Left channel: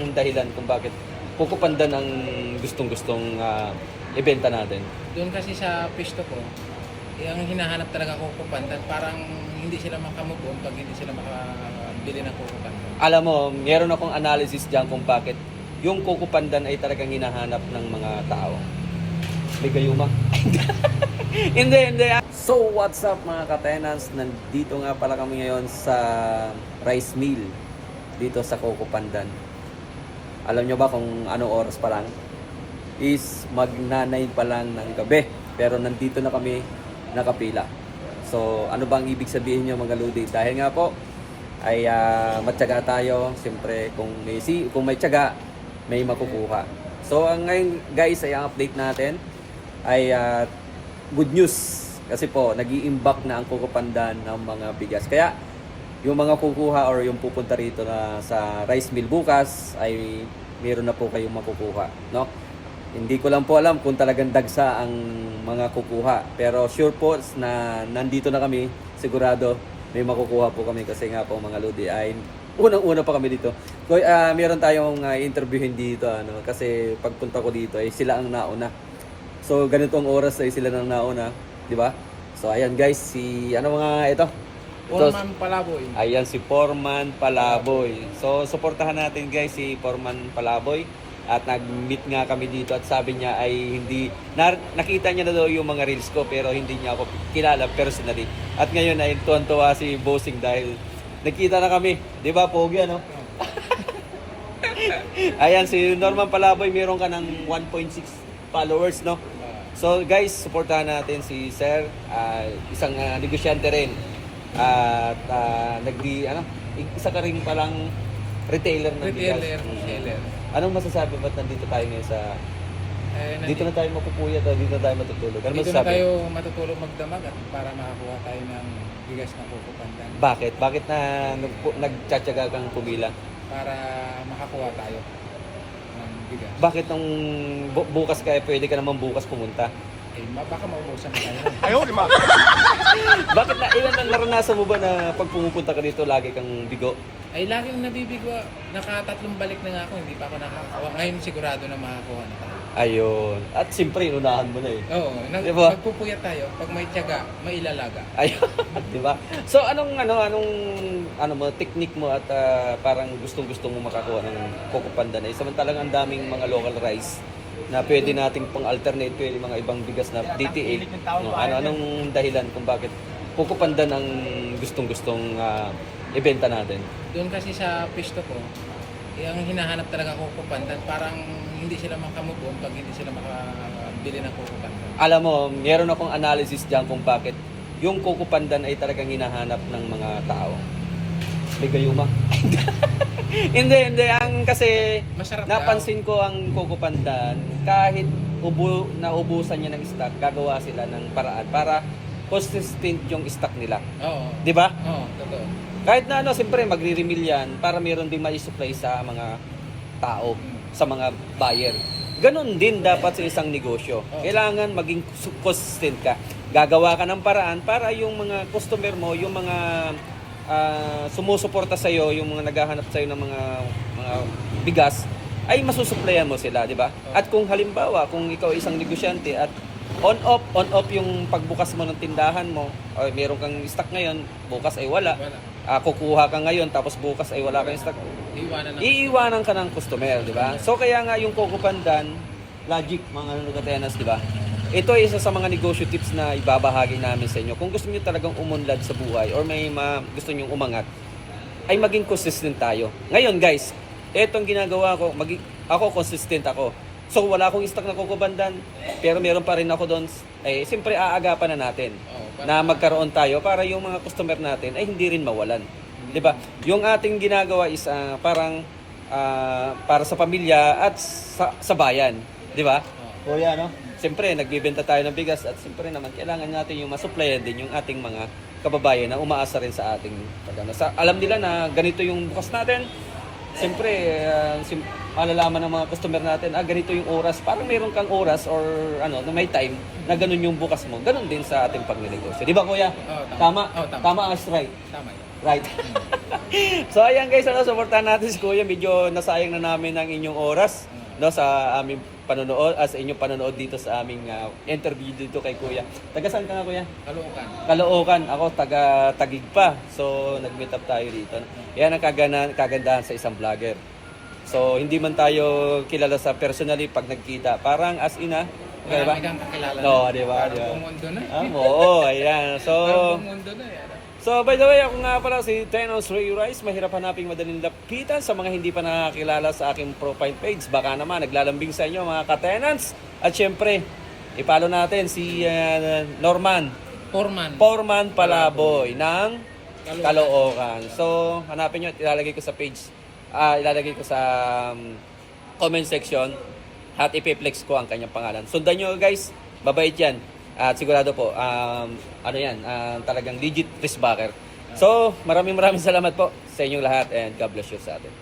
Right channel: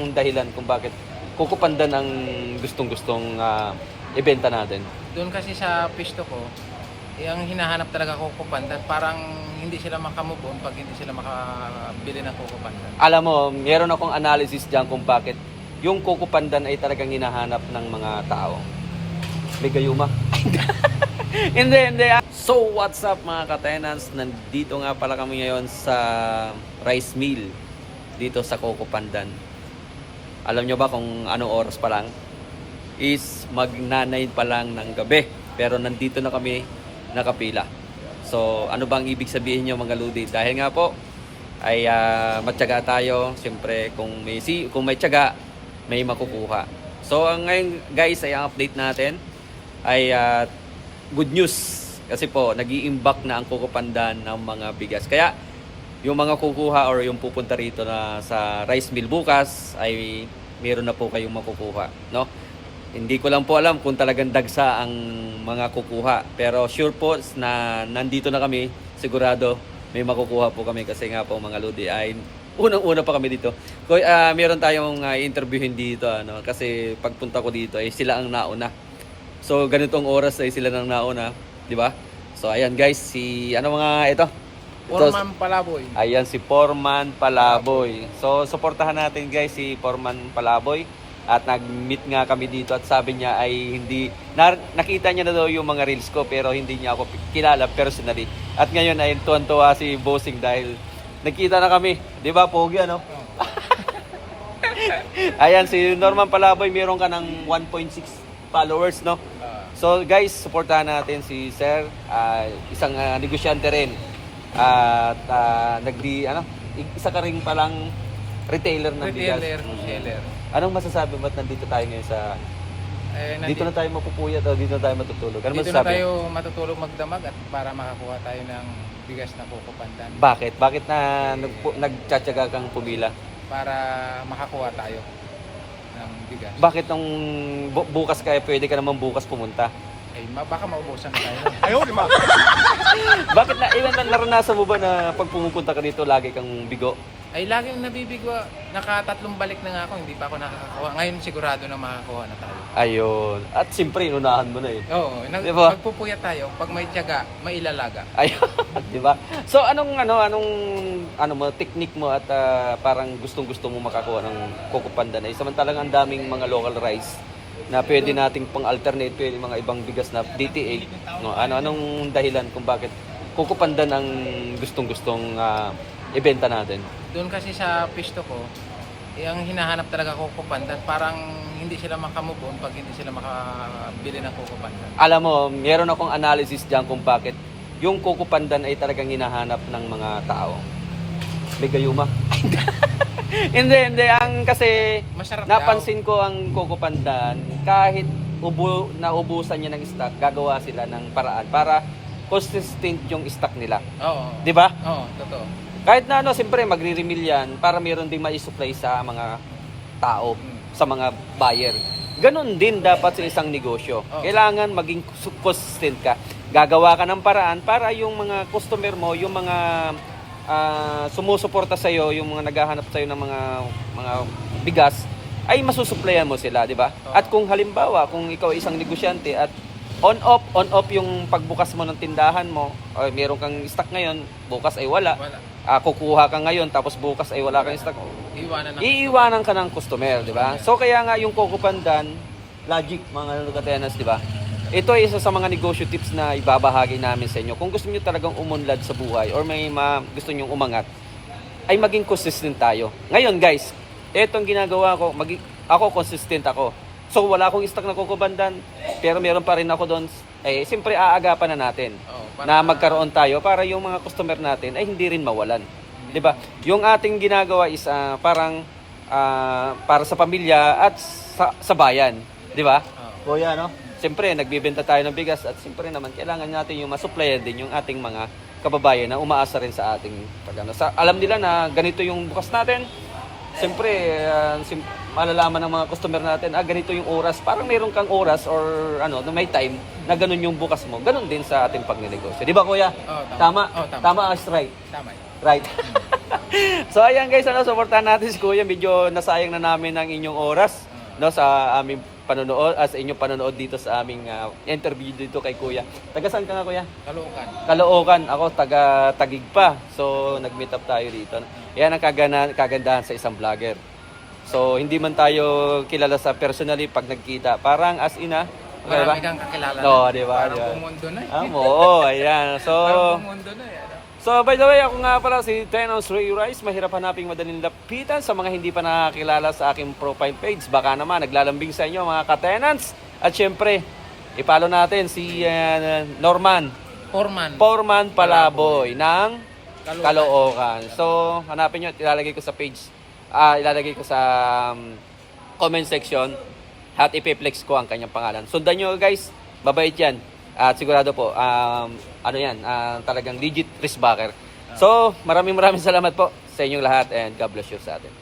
Ang dahilan kung bakit kukupandan ang gustong-gustong ibenta natin. Doon kasi sa pisto ko, yung hinahanap talaga kukupandan, parang hindi sila makamove on pag hindi sila makabili ng kukupandan. Alam mo, meron akong analysis dyan kung bakit yung kukupandan ay talagang hinahanap ng mga tao. Ligayuma. Hindi. So, what's up mga ka-tenants? Nandito nga pala kami ngayon sa rice mill dito sa Kukupandan. Alam nyo ba kung anong oras pa lang? Is mag-9 pa lang ng gabi. Pero nandito na kami nakapila. So, ano bang ibig sabihin nyo mga ludi? Dahil nga po, ay matyaga tayo. Siyempre, kung may tiyaga, may makukuha. So, ngayon guys, ay ang update natin ay good news. Kasi po, nag-i-imbak na ang Kukupandan ng mga bigas. Kaya, yung mga kukuha or yung pupunta rito na sa rice mill bukas ay meron na po kayong makukuha, no? Hindi ko lang po alam kung talagang dagsa ang mga kukuha, pero sure po na nandito na kami, sigurado may makukuha po kami kasi nga po mga lodi ay unang-una pa kami dito. Meron tayong interviewin dito kasi pagpunta ko dito ay sila ang nauna. So ganitong oras ay sila nang nauna, di ba? So ayan guys, ito? Foreman Palaboy. Ayan si Foreman Palaboy. So suportahan natin guys si Foreman Palaboy. At nag-meet nga kami dito at sabi niya ay nakita niya na daw yung mga reels ko pero hindi niya ako kilala personally. At ngayon ay tuwan-tuwa si Bossing dahil nagkita na kami. Di ba, Pogi, ano? Ayan, si Norman Palaboy, meron ka ng 1.6 followers, no? So guys, suportahan natin si Sir, isang negosyante rin. At isa ka rin palang retailer ng bigas. Retailer. Anong masasabi ba't nandito tayo ngayon sa... dito na tayo mapupuyat o dito na tayo matutulog? Ano dito masasabi? na tayo matutulog magdamag at para makakuha tayo ng bigas na kukupandan. Bakit? Bakit na nagtsatsaga kang pumila? Para makakuha tayo ng bigas. Bakit nung bukas kaya pwede ka naman bukas pumunta? Ay, baka maubusan na tayo. Ayaw, di ba? Bakit naranasan mo ba na pag pumunta ka dito lagi kang bigo? Ay, laging nabibigo. Nakatatlong balik na nga ako, hindi pa ako nakakakuha. Ngayon sigurado na makakuha na tayo. Ayun. At siyempre, unahan mo na eh. Oo, Diba? magpupuyat tayo. Pag may tiyaga, may ilalaga. Ayun, di ba? So anong technique mo at parang gustong-gusto mo makakuha ng Kukupandan ay samantalang ang daming mga local rice na pwede nating pang-alternate pwede mga ibang bigas na DTA. No, anong dahilan kung bakit Kukupandan ang gustong-gustong ibenta natin? Doon kasi sa pisto ko, yung hinahanap talaga kukupandan, parang hindi sila makamove on pag hindi sila makabili ng kukupandan. Alam mo, meron akong analysis dyan kung bakit yung Kukupandan ay talagang hinahanap ng mga tao. Ligayuma. Hindi. Kasi Masarap napansin ko ang Kukupandan, kahit naubusan niya ng stock, gagawa sila ng paraan para consistent yung stock nila. Oo. Di ba? Oo, totoo. Kahit na siyempre magre-refill yan para meron ding mai-supply sa mga tao, sa mga buyer. Ganon din dapat sa isang negosyo. Oh. Kailangan maging consistent ka. Gagawa ka ng paraan para yung mga customer mo, yung mga sumusuporta sa iyo, yung mga naghahanap sa iyo ng mga bigas, ay masusuplayan mo sila, di ba? Oh. At kung halimbawa, kung ikaw ay isang negosyante at on off yung pagbukas mo ng tindahan mo, o meron kang stock ngayon, bukas ay wala. Kukuha ka ngayon tapos bukas ay wala kang stock. Iiwanan ka ng customer, di ba? So kaya nga yung Kukupandan, logic mga nagtatenas, di ba? Ito ay isa sa mga negosyo tips na ibabahagi namin sa inyo. Kung gusto niyo talagang umunlad sa buhay or may gusto niyo umangat, ay maging consistent tayo. Ngayon guys, etong ginagawa ko, ako consistent ako. So wala akong stock na Kukupandan, pero meron pa rin ako doon. Siyempre aagapan na natin na magkaroon tayo para yung mga customer natin ay hindi rin mawalan. 'Di ba? Yung ating ginagawa is parang para sa pamilya at sa bayan, 'di ba? Kuya, no? Siyempre nagbebenta tayo ng bigas at siyempre naman kailangan natin yung masupplyan din yung ating mga kababayan na umaasa rin sa ating alam nila na ganito yung bukas natin. Siyempre, malalaman ng mga customer natin, ganito yung oras. Parang mayroon kang oras or may time na ganun yung bukas mo. Ganun din sa ating pagnegosyo. Di ba, kuya? Oh, Tama? Oh, tama. Tama as right. Tama yun. Right. So ayan guys, supportahan natin si Kuya. Medyo nasayang na namin ang inyong oras sa aming panonood, sa inyong panonood dito sa aming interview dito kay Kuya. Taga saan ka nga Kuya? Caloocan. Caloocan. Ako taga Taguig pa. So nag-meet up tayo dito. Yan ang kagandahan sa isang vlogger. So hindi man tayo kilala sa personally pag nagkita. Parang as ina. Marami kang kakilala No, na. di ba? Parang bumundo na eh. Oo, ayan. So Parang bumundo na eh. So by the way, ako nga pala si Tenos Ray Rice. Mahirap hanaping madaling lapitan sa mga hindi pa nakakilala sa aking profile page. Baka naman naglalambing sa inyo mga ka-tenants. At syempre, ipalo natin si Norman Foreman Palaboy ng Caloocan. So hanapin nyo at ilalagay ko sa page. Ilalagay ko sa comment section at ipiplex ko ang kanyang pangalan. Sundan nyo guys, babait yan. At sigurado po, talagang legit wristbacker. So, maraming salamat po sa inyong lahat and God bless you sa atin.